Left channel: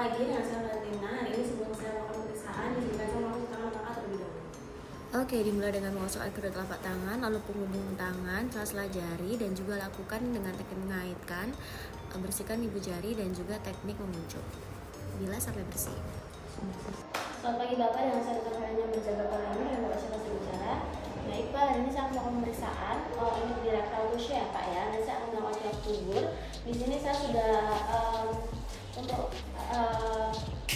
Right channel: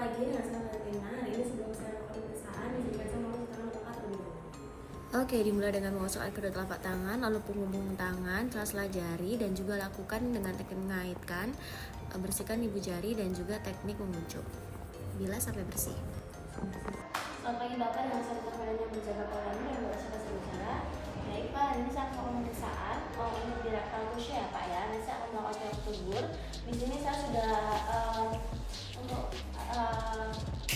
pagi, dengan saya Valentina. Hari ini sebelum saya melakukan pemeriksaan, izinkan saya melakukan tangan langkah terlebih dahulu. Oke, dimulai dengan mengosokkan kedua telapak tangan, lalu penghubung tangan, sela-sela jari, dan juga lakukan dengan teknik mengaitkan, bersihkan ibu jari, dan juga teknik menguncup. Bila sampai bersih. Selamat pagi Bapak, dan saya Dr. Hanya menjaga pola dan membaca bahasa bicara. Baik Pak, hari ini saya akan melakukan pemeriksaan. Ini di rectal tissue ya Pak ya. Dan saya akan melakukan tiap tubur. Di sini saya sudah untuk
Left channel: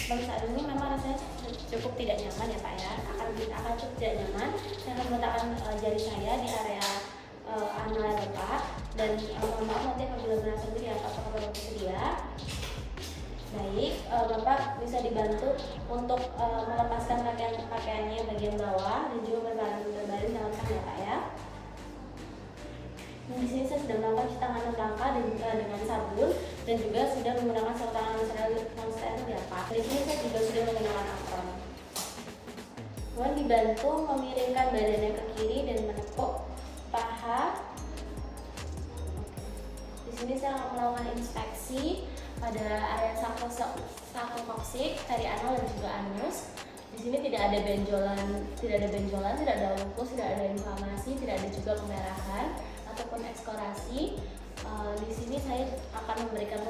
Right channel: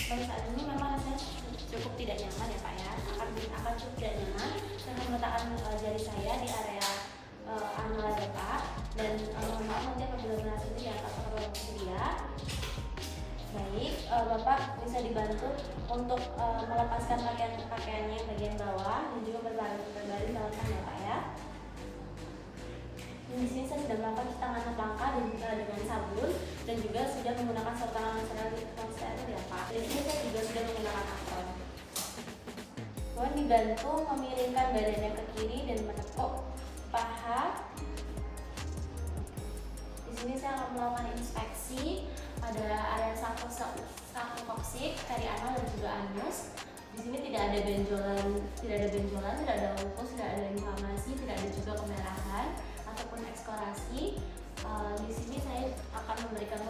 pemeriksaan ini memang rasanya cukup tidak nyaman ya Pak ya. Akan cukup tidak nyaman. Saya akan meletakkan jari saya di area anal Bapak. Dan mohon maaf nanti apabila merasa ini atau apabila bersedia. Baik, Bapak bisa dibantu untuk melepaskan pakaiannya bagian bawah dan juga berbaring dalam sana Pak ya. Dan di sini saya sudah melakukan cuci tangan langkah dan juga dengan sabun dan juga sudah menggunakan sarung tangan steril ya Pak. Di sini saya juga sudah menggunakan apron. Kemudian dibantu memiringkan badannya ke kiri dan menepuk paha. Di sini saya akan melakukan inspeksi pada area sakrokoksik, perianal dan juga anus. Di sini tidak ada benjolan, tidak ada lupus, tidak ada inflamasi, tidak ada juga kemerahan ataupun ekskorasi. Di sini saya akan memberikan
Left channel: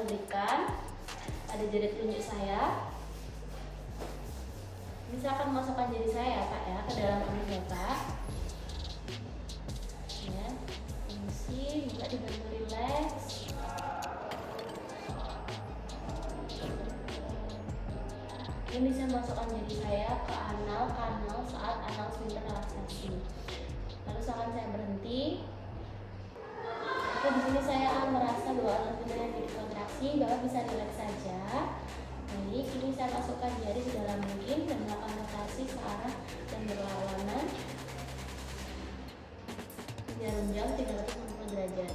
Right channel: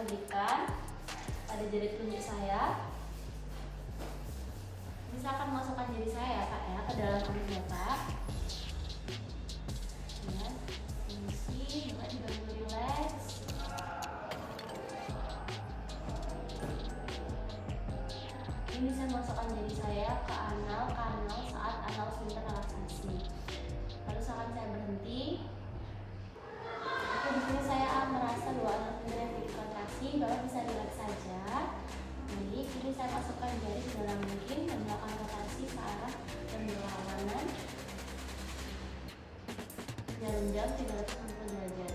ada jari telunjuk saya. Ini saya akan memasukkan jari saya ya Pak ya ke dalam anus Bapak. Ya, ini juga dibantu relax. Ini saya masukkan jari saya ke anal kanal saat anal sphincter relaksasi. Lalu seakan saya berhenti. Di sini saya akan merasa bahwa anal sphincter yang tidak kontraksi, Bapak bisa relax saja. Baik, ini saya masukkan jari sedalam mungkin dan melakukan rotasi ke arah yang berlawanan yang rendah 360 derajat.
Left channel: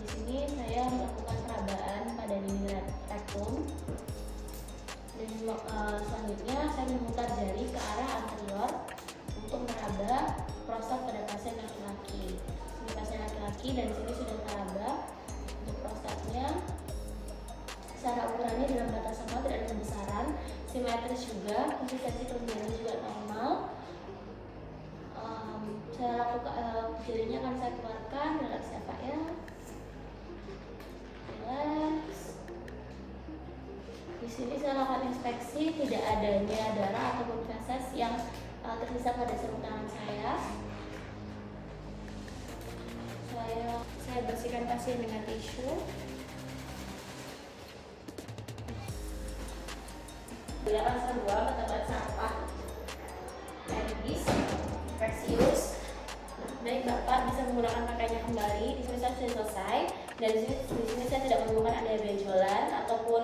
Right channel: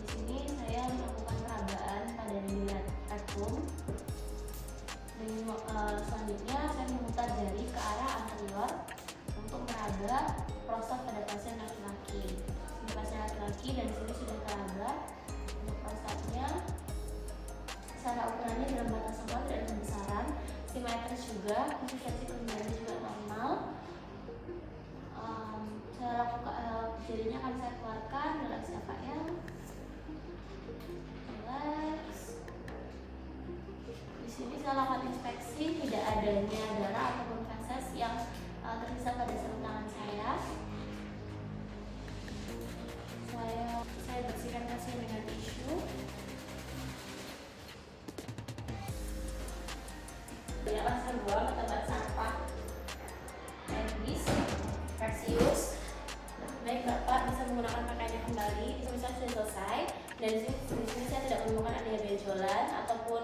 Di sini saya melakukan perabaan pada dinding rektum. Dan selanjutnya saya memutar jari ke arah anterior untuk meraba prostat pada pasien laki-laki. Ini pasien laki-laki dan di sini sudah meraba di prostatnya. Secara ukurannya dalam batas sama, tidak ada pembesaran, simetris juga, konsistensi kelenjaran juga normal. Saya lakukan jarinya akan saya keluarkan, relax ya Pak ya. Relax. Di sini saya lakukan inspeksi, tidak adanya darah ataupun feses yang tersisa pada sarung tangan saya. Saya bersihkan pasien dengan tisu. Dia akan saya buang ke tempat sampah medis, Perseus. Baik Bapak bisa menggunakan pakaiannya kembali. Di sini saya sudah selesai. Dan di sini saya tidak menemukan adanya benjolan ataupun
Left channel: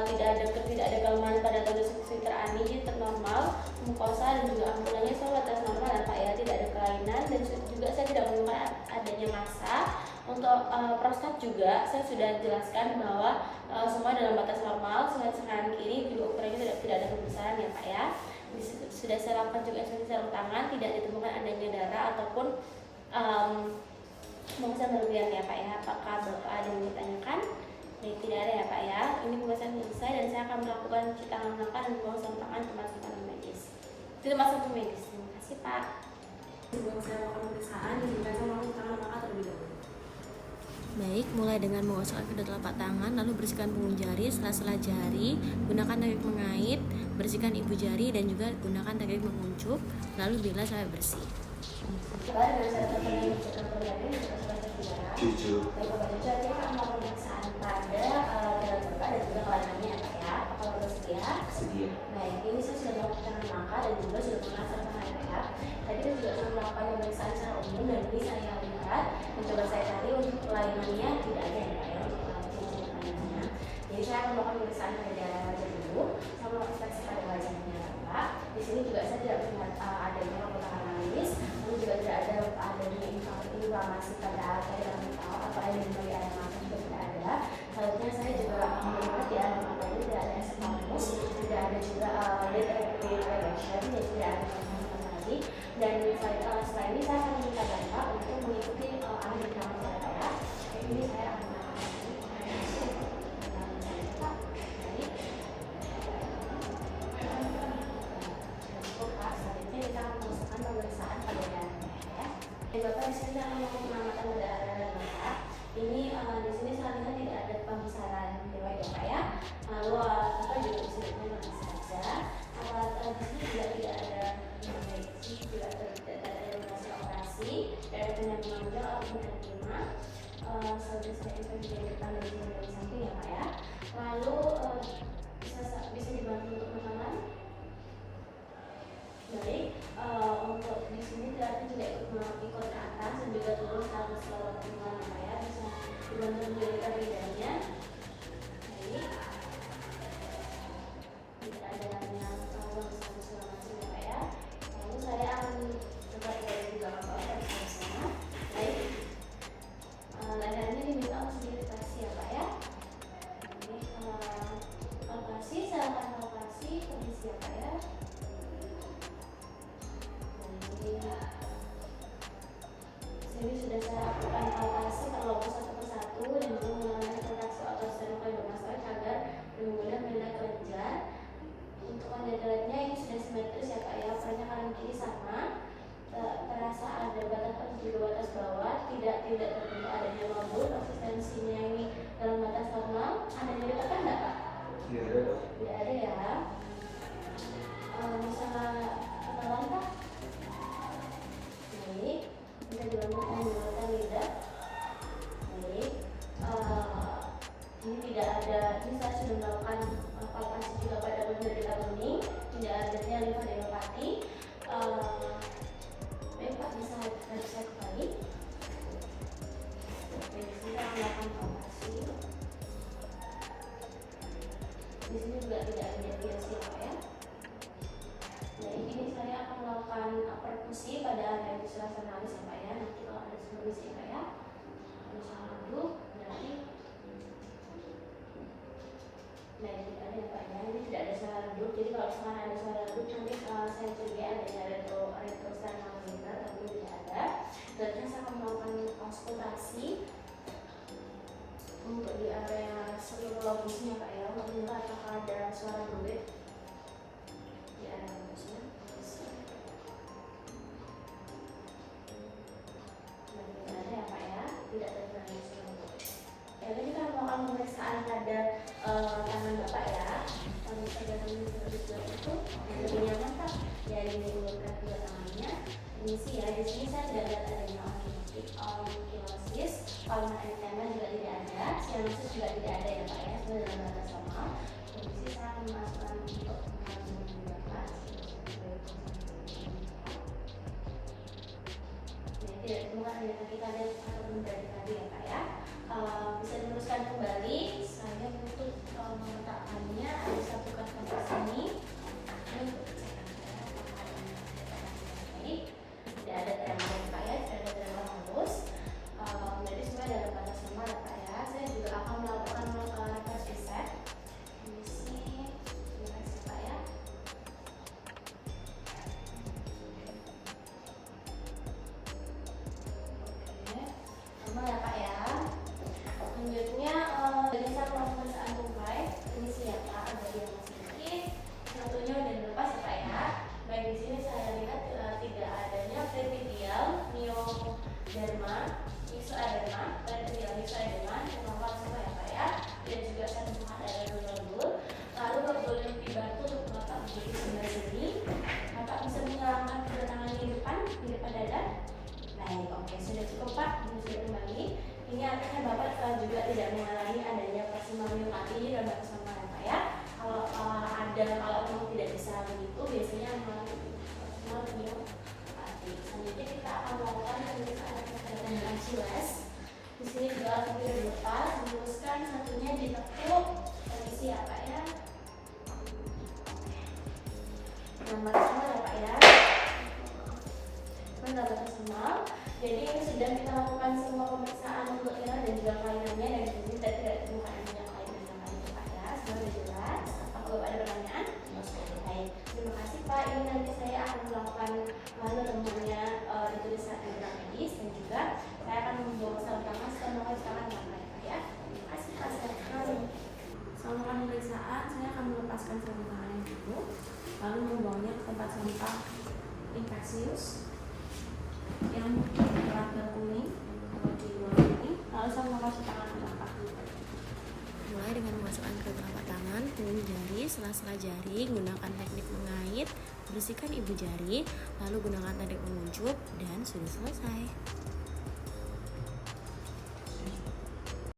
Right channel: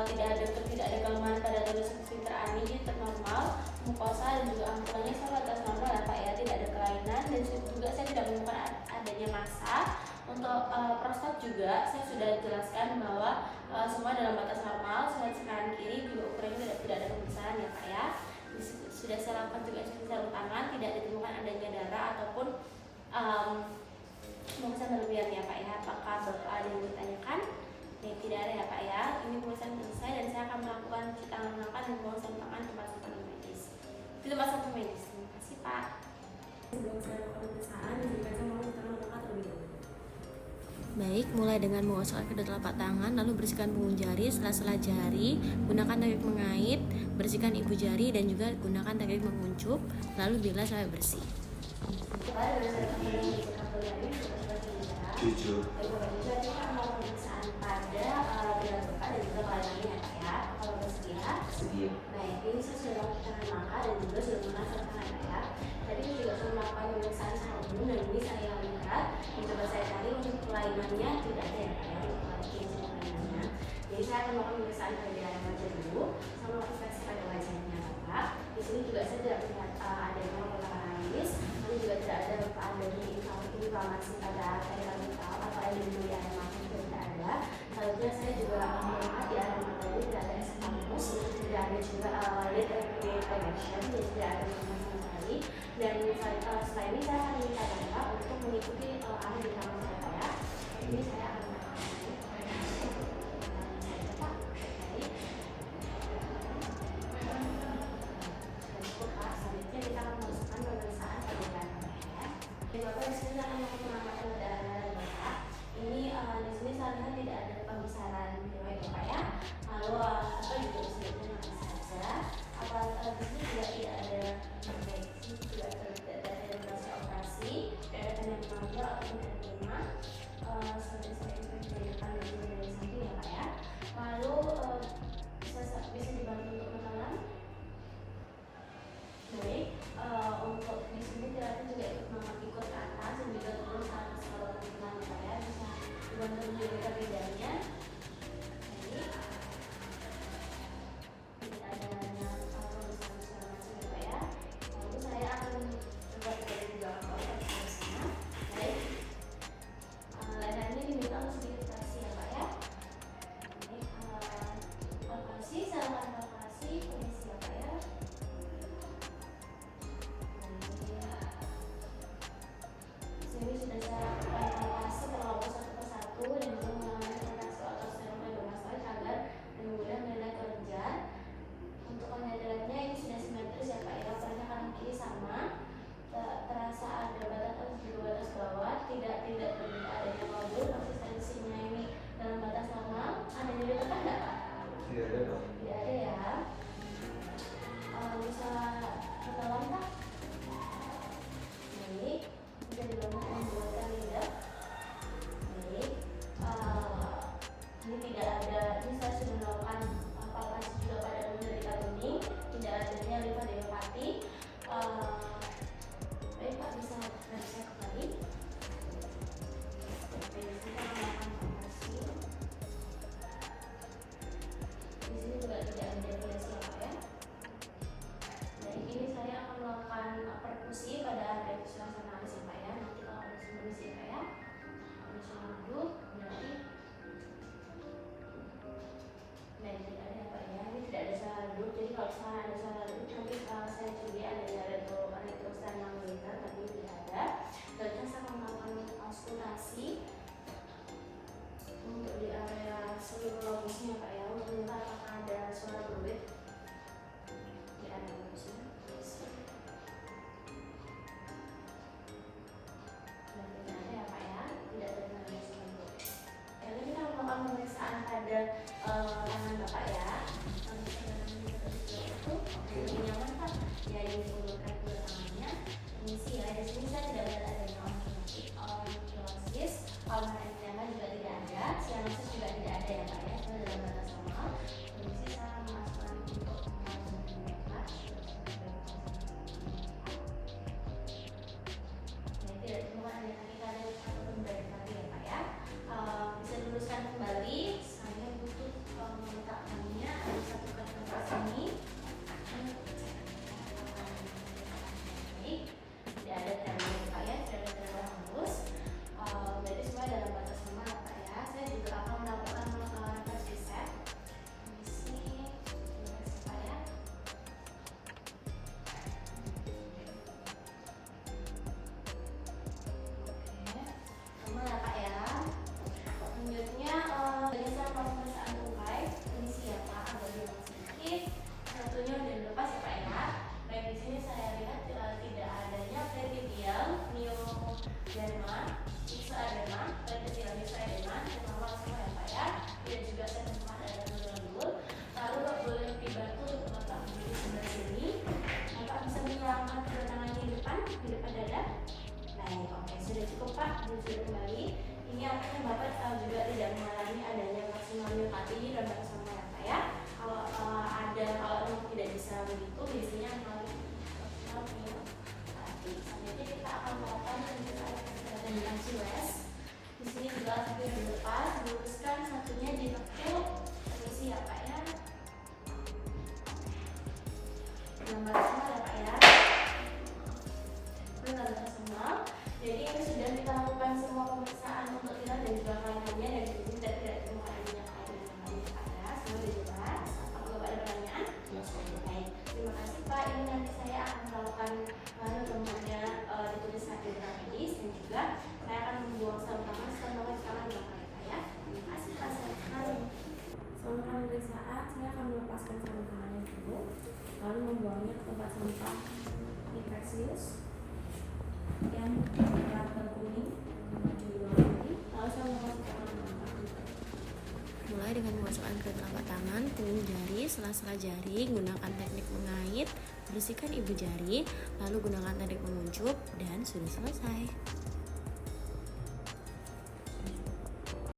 tidak ada kelemahan pada tubuh sphincter ani, jadi tetap normal, mukosa dan juga ampulanya selalu atas normal ya Pak ya, tidak ada kelainan dan juga saya tidak menemukan adanya massa. Untuk prostat juga saya sudah jelaskan bahwa semua dalam batas normal, selain kanan kiri juga ukurannya tidak ada pembesaran ya Pak ya. Di situ sudah saya lakukan juga inspeksi sarung tangan, tidak ditemukan adanya darah ataupun pemeriksaan berlebihan ya Pak ya. Apakah Bapak ada yang ditanyakan? Baik, tidak ada ya Pak ya. Ini pemeriksaan selesai dan saya akan melakukan cuci tangan langkah dan buang sarung tangan ke tempat medis. Itu tempat medis. Terima kasih Pak. Sebelum saya melakukan pemeriksaan, izinkan saya melakukan cuci tangan langkah terlebih dahulu. Baik, mulai dengan mengosokkan kedua telapak tangan, lalu bersihkan punggung jari, sela-sela jari, gunakan teknik mengait, bersihkan ibu jari dan juga gunakan teknik menguncup, lalu biarlah sampai bersih. Jujur. Jadi mau pemeriksaan pada dalam Bapak dan juga lainnya ya Pak ya. Kalau bersedia. Baik, ini saya sudah melakukan langkah dan juga sudah menghasilkan ya. Tadi saya juga sudah melakukan pemeriksaan secara umum dan ini saya lihat mencoba saya cari untuk kelainannya tidak ada ya Pak ya, untuk kelainannya. Jadi saya akan melakukan pemeriksaan pada wajah dulu, saya melakukan inspeksi pada wajahnya Bapak. Di sini juga saya tidak melihat ada yang melakukan analis, ini juga tidak ada adanya inflamasi pada arteria atau ada di bagian mata juga tidak ada. Selanjutnya saya juga melihat di area mata ini tidak ada esophagus, tidak ada juga lid retraction, jadi tidak ada sama sekali. Dan setelah ini saya akan minta Bapak untuk mengikuti arah di tangan saya ya. Ini saya akan pasien akan melakukan pengamatan pada area dan mata. Ini di sini seharusnya tidak ada pembesaran riwayat ya Pak ya. Lalu apa juga bisa dilakukan saja. Alat di sini tidak ada infeksi, tidak ada indikasi operasi, tidak ada tindak mengambil ataupun ada terima. Seperti saya bisa depan dan dari samping ya Pak ya. Lalu bisa dibantu untuk menelan. Baik, untuk di sini tidak ikut ke atas dan juga turun saat sekolah pertemuan ya, bisa dibantu menjadikan lidahnya. Baik, tidak ada dengan kalau misalnya segala macam ya Pak ya. Lalu saya akan coba dari belakang Pak ya di sana. Baik, lidahnya diminta untuk diiritasi ya Pak ya. Ini palpasi, silakan palpasi, permisi ya Pak ya. Ini sudah saya lakukan palpasi terlokus satu persatu dan juga mengalami kontraksi otot sternum dimasukkan agar lebih mudah menilai kelenjar. Untuk konditornya ini sudah simetris ya Pak ya, ukurannya kanan kiri sama. Terasa ada batas atas juga batas bawah, tidak terbentuk adanya lobul. Konsistensinya ini dalam batas normal. Adanya ditekan nggak Pak? Tidak ada dok. Tidak ada ya. Bisa kenalan Pak? Baik, bisa dibangun menggunakan lidah. Baik, ini tidak ada. Ini saya sudah melakukan palpasi juga pada penderita bening, tidak adanya limfadenopati. Baik Pak, bisa saya kembali. Baik, kita melakukan palpasi. Di sini juga tidak ada deviasi Pak ya. Jadi ini saya akan melakukan perkusi pada area senalis ya Pak ya. Nanti kalau ada solusi ya Pak ya, ada salah duduk berarti tidak ada ya Pak ya. Ini tidak ada salah duduk. Jadi kalau misalnya ada salah duduk nanti saya curiga adanya retrosternal vena, tapi tidak ada. Dan saya akan melakukan auskultasi untuk di area sekirologisnya Pak ya, untuk melihat apakah ada suara duit di area bagusnya. Tidak ada ya Pak ya, tidak terkena suara duit. Jadi kita melakukan pemeriksaan pada tangan Bapak ya. Kalau sudah kami itu lebih nyaman Pak, jadi menggunakan kedua tangannya. Permisi ya, di sini saya tidak lihat adanya organosis, palmatensiana juga tidak ada, sianusis juga tidak ada ya Pak ya, sudah dalam batas normal. Permisi, saya memasukkan untuk Bapak. Jadi tidak ditemukan ada kita ada yang dari tadi ya Pak ya. Bisa diluruskan kembali. Saya butuh meletakkannya ada satu kertas di sini. Baik, tidak ada tekanan ya Pak ya, tidak ada tekanan halus. Jadi semua dalam batas normal ya Pak ya. Saya juga akan melakukan tes resep. Misi Pak ya. Oke, sama ya Pak ya. Selanjutnya dari saya pemeriksaan tungkai. Ini siapa? Ada dua sedikit. Satunya udah lepas ya Pak ya. Baik, di sini saya lihat tidak adanya pretidial, myoderma, isoaderma, pretidial, isoaderma, sama sama ya Pak ya. Dan juga saya temukan ada lobul. Lalu boleh lebih bantu untuk Bapak berdiri sebelah sini. Bapak bisa menyalakan kedua tangannya di depan dada. Baik, oke, sudah cukup Pak. Sudah kembali. Ini artinya Bapak juga tidak mengalami adanya maksimal myopati dan bersama ya Pak ya. Kalau memang tidak bisa begitu, biasanya mengalami maksimal myopati. Selanjutnya kita akan melakukan pemeriksaan dengan Achilles. Di sini juga akan dilepas, diluruskan, satunya ditekuk. Permisi ya Pak ya. Nomor sama ya Pak ya. Benar bersama. Jadi ini sudah kita lakukan semua pemeriksaan untuknya dan juga kelainannya, dan di sini tidak ditemukan adanya kelainan yang lain Pak ya. Semoga jelas. Apakah Bapak ada pertanyaan? Baik, terima kasih Pak. Ini nanti saya akan melakukan temuannya dituliskan di dalam medis, dan juga saya akan membuang sel tangan setelah melakukan tangan yang baik Pak ya. Terima kasih Pak. Selama pemeriksaan, saya akan melepaskan sarung tangannya dulu, lalu membuangnya ke tempat sampah infeksius. yang telah berkuning mewakili bola putih. Lalu saya melapasi tangan dengan kaki. Mulai dengan memasukkan kedua telapak tangan, punggung jari, sela-sela jari, gunakan teknik mengait, bersihkan ibu jari, lalu gunakan teknik menguncup, dan sudah selesai.